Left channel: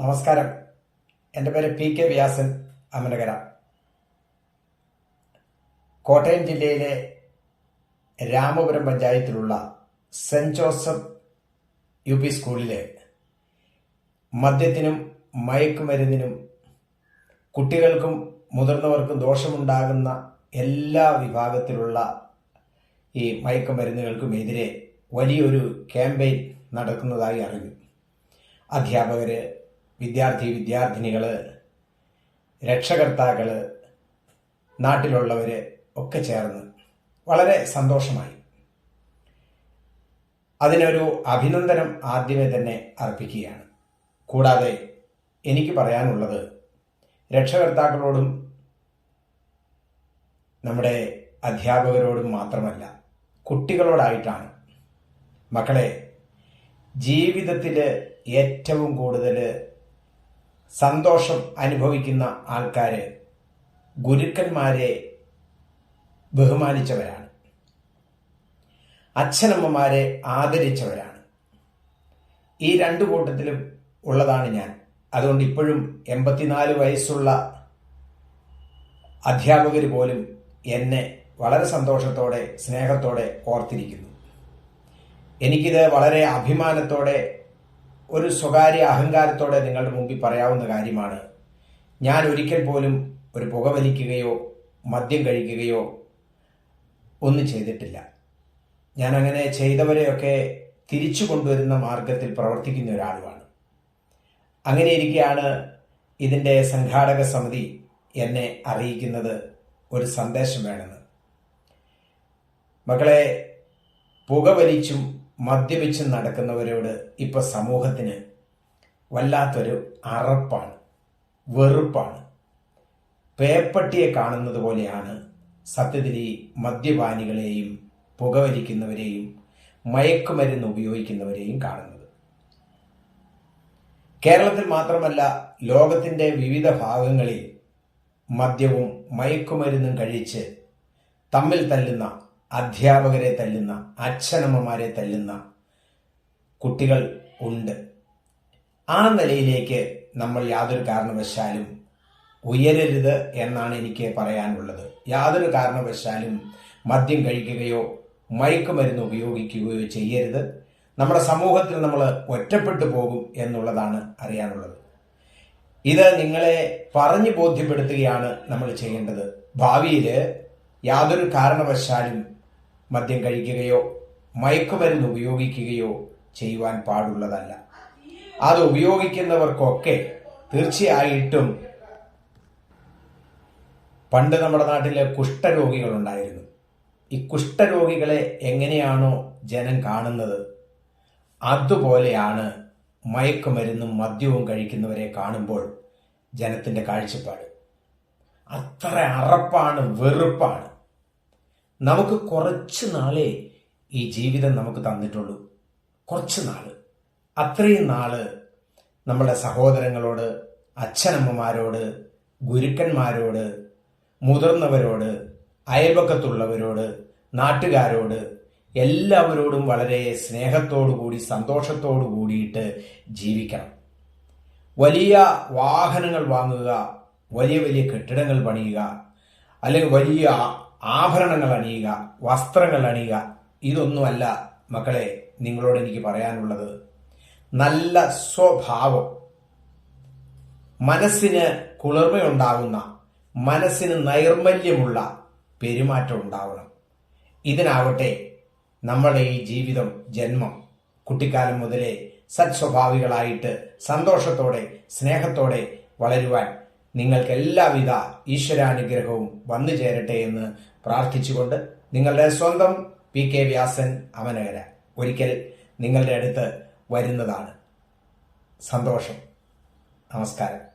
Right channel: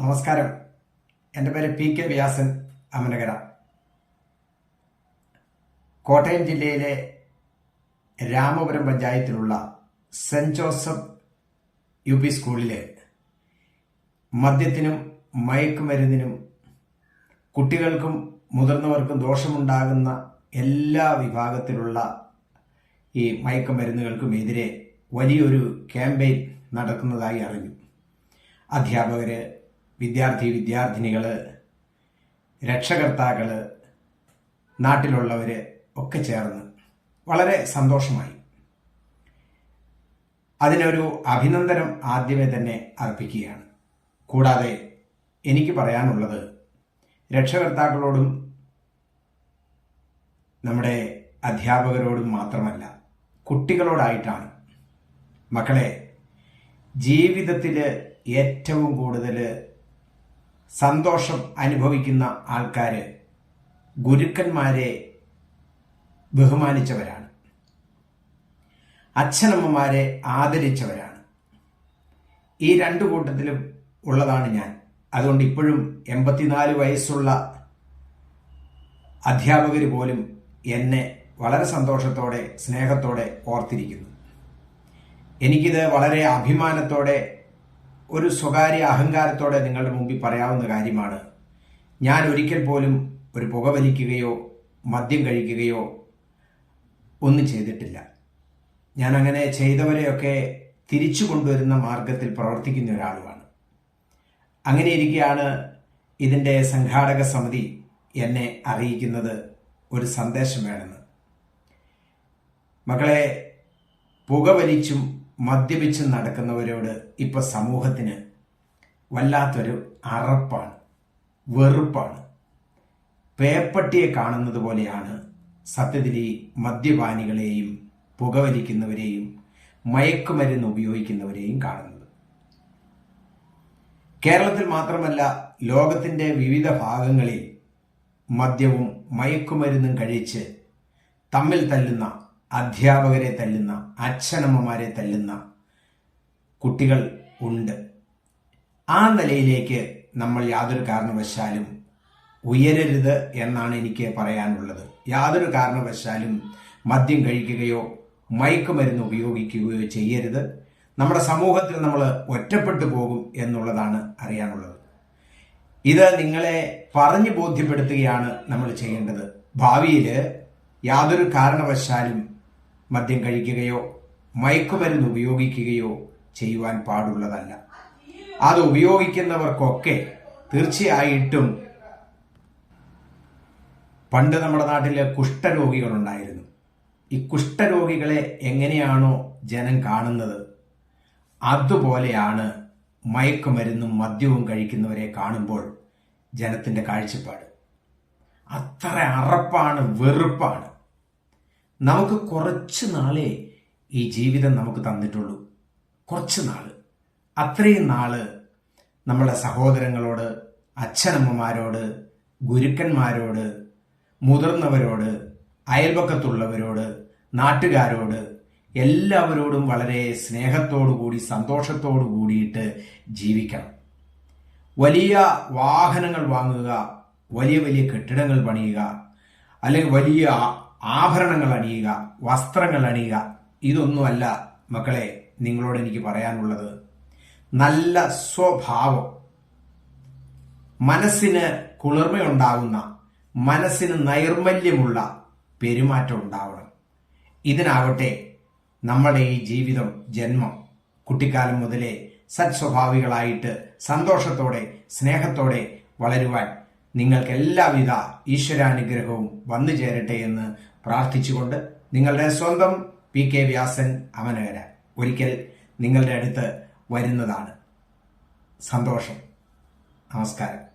നമസ്കാരം. എന്റെ പേര് പി കെ വ്യാസൻ അമനകര. കോട്ടയം ജില്ലയിലെ രാമപുരം പഞ്ചായത്തിലുള്ള സെന്റ് ജോസഫ് യു പി സ്കൂളിലെ മദ്യത്തിനും മയക്കുമരുന്നിനും കുട്ടികൾക്കും മുതിർന്നവർക്കും ദോഷമുണ്ടാകുന്ന എല്ലാ വിഭാഗത്തിലുള്ള ഈ മയക്കുമരുന്നുകൾക്കുമെതിരെ വലിയൊരു ക്യാമ്പയിൻ നടക്കുന്നതായി അറിഞ്ഞു. അധ്യാപകർ വിദ്യാർത്ഥി വിദ്യാർത്ഥിനികൾ രക്ഷകർത്താക്കൾ നാട്ടിലുള്ളവർ ഒക്കെ ചേർന്ന് വളരെ സന്തോഷമായി. അതിനൊരു അഭിനന്ദനം ആദ്യമേ തന്നെ അർപ്പിക്കുകയാണ്. കൂടാതെ എനിക്ക് പറയാനുള്ളത് രക്ഷകർത്താക്കളോടും നമ്മുടെ അധ്യാപകരോടും മാത്രമല്ല കുട്ടികളോടായിട്ടാണ്. മക്കളെ ജീവിതത്തിൽ ഏറ്റവും കൂടുതൽ സന്തോഷം അനുഭവിക്കുന്ന ആൾക്കാർ ഗുരുക്കന്മാരെ ബഹുമാനിച്ചവരാണ്. അച്ഛനമ്മമാരെ ആദരിച്ചവരാണ്. ഈ രണ്ടു കൂട്ടത്തിലും ഉള്ളതാണ് ഞാൻ. അതുകൊണ്ട് ഇപ്പോഴും എൺപത്തിനാല് വയസ്സുള്ള അധ്യാപകർ പോലും എന്നെ വളരെ സന്തോഷത്തോടെ സ്നേഹത്തോടെ ഓർത്തിരിക്കുന്നു. എനിക്കിത് വളരെ അഭിമാനത്തോടെ ഒരു സ്വകാര്യ അഹങ്കാരത്തോടെ നിങ്ങളുടെ മുമ്പിൽ പറയാവുന്ന കാര്യമാണ്. ഞാൻ ഒരിക്കൽ പോലും ഒരു പുകവലിക്കുകയോ മദ്യം കഴിക്കുകയോ ഒന്നും ചെയ്തിട്ടില്ല. ഞാൻ അങ്ങനെ ചെയ്തവരെയൊക്കെ തിരിച്ചു കൊണ്ടുവരുന്ന മാർഗത്തിൽ പ്രവർത്തിക്കുന്ന ഒരാളുമാണ്. അങ്ങനെ ഇരിക്കെയാണ് ഇതിന്റെ സംഘാടക സമിതി എന്നെ അറിയിക്കുന്നത് ഒരു സന്ദേശം വേണമെന്ന്. മക്കളെ പുകവലിച്ചും മദ്യപിച്ചും നടക്കുന്നവരോട് ഇപ്പോൾ സമൂഹത്തിന് വല്ലാത്തൊരു അറപ്പാണ് വെറുപ്പാണ്. പേപ്പട്ടിയെ കാണുന്നത് പോലെയാണ് സത്യത്തിൽ ഈ മദ്യപാനികളെയും പുകവലിക്കുന്നവരെയും മയക്കുമരുന്ന് ഉപയോഗിക്കുന്നവരെയും കാണുന്നത്. കേരളത്തിൽ മാത്രമല്ല ലോകത്തിന്റെ വിവിധ ഭാഗങ്ങളിൽ മദ്യവും മയക്കുമരുന്നും കഴിച്ച് തമ്മിൽ തല്ലുന്ന അധ്യാപകരെ തല്ലുന്ന അച്ഛനമ്മമാരെ തല്ലുന്ന കുട്ടികൾ ഉണ്ട്. ആ നിലയിലേക്ക് നമ്മൾ യാതൊരു കാരണവശാലും ഉയരരുത് എന്നാണ് എനിക്ക് പറയാനുള്ളത്. യാതൊരു കാരണവശാലും മദ്യം കഴിക്കുകയോ മയക്കുമരുന്ന് ഉപയോഗിക്കുകയോ ചെയ്യരുത്. നമ്മുടെ സമൂഹത്തിൽ നമ്മൾ ഒറ്റപ്പെട്ടു പോകും എന്നുള്ളതാണ് അറിയാനുള്ളത്. ഇത് നിങ്ങളെ പറഞ്ഞു ബോധ്യപ്പെടുത്തുകയാണ് നമ്മൾ ചെയ്യേണ്ടത്. ഭാവിയിൽ യാതൊരു കാരണവശാലും മദ്യം കഴിക്കുകയോ മയക്കുമരുന്ന് ഉപയോഗിക്കുകയോ ചെയ്യുവാൻ പാടുള്ളതല്ല. അത് ഉപയോഗിക്കുന്നവർക്കൊക്കെ തീർച്ചയായിട്ടും പണ്ട് നമ്മുടെ നാട്ടിൽ കുഷ്ഠരോഗികളുണ്ടായിരുന്നു. ഈ കുഷ്ഠരോഗികളെ എങ്ങനെയാണോ ജനം കാണുന്നത് അതുപോലെയാണ് മയക്കുമരുന്നും മദ്യവും കഴിക്കുന്നവരെ കാണുമ്പോൾ ജനത്തിന്റെ കാഴ്ചപ്പാട്. അത്ര അറപ്പാണ് വെറുപ്പാണ്. നമുക്ക് കുറച്ച് നാളേ ഈ ജീവിതം നമുക്ക് തന്നിട്ടുള്ളൂ. കുറച്ച് നാൾ അത്രയും നാൾ നമ്മുടെ സഹോദരങ്ങളോട് അച്ഛനമ്മമാരോട് ഗുരുക്കന്മാരോട് മുതിർന്നവരോട് അയൽപക്കത്തുള്ളവരോട് നാട്ടുകാരോട് എല്ലാവരോടും വളരെ സ്നേഹത്തോടു കൂടി സന്തോഷത്തോടു കൂടിയിട്ട് ജീവിക്കണം. വലിയ വാഹനങ്ങൾ വാങ്ങുക വലിയ വലിയ കെട്ടിടങ്ങൾ പണിയുക അല്ലെങ്കിൽ വലിയ ആഭരണങ്ങൾ അണിയുക വസ്ത്രങ്ങൾ അണിയുക ഇതൊന്നുമല്ല മക്കളെ നിങ്ങളോട് എനിക്ക് പറയാനുള്ളത്. നല്ല സ്വഭാവം. മനസ്സിന് കുളിർമയുണ്ടാകുന്ന മനസ്സിന് നൈർമല്യമുള്ള പെരുമാറ്റം ഉണ്ടാവണം. ഇതിനാകട്ടെ നമ്മുടെ ഈ ജീവിതം ജന്മം കുട്ടിക്കാലം മുതലേ സത്സ്വഭാവികളായിട്ട് സന്തോഷത്തോടെ സ്നേഹത്തോടെ വളരുവാൻ നിങ്ങൾക്ക് എല്ലാവിധ ഈശ്വരാനുഗ്രഹവും വന്നു ചേരട്ടെ എന്ന് പ്രാർത്ഥിച്ചുകൊണ്ട് നിങ്ങളുടെ സ്വന്തം പി കെ വ്യാസൻ അമനകര ഒരിക്കൽ നിങ്ങളുടെ അടുത്ത് വരുന്നതാണ്. സന്തോഷം. നമസ്കാരം.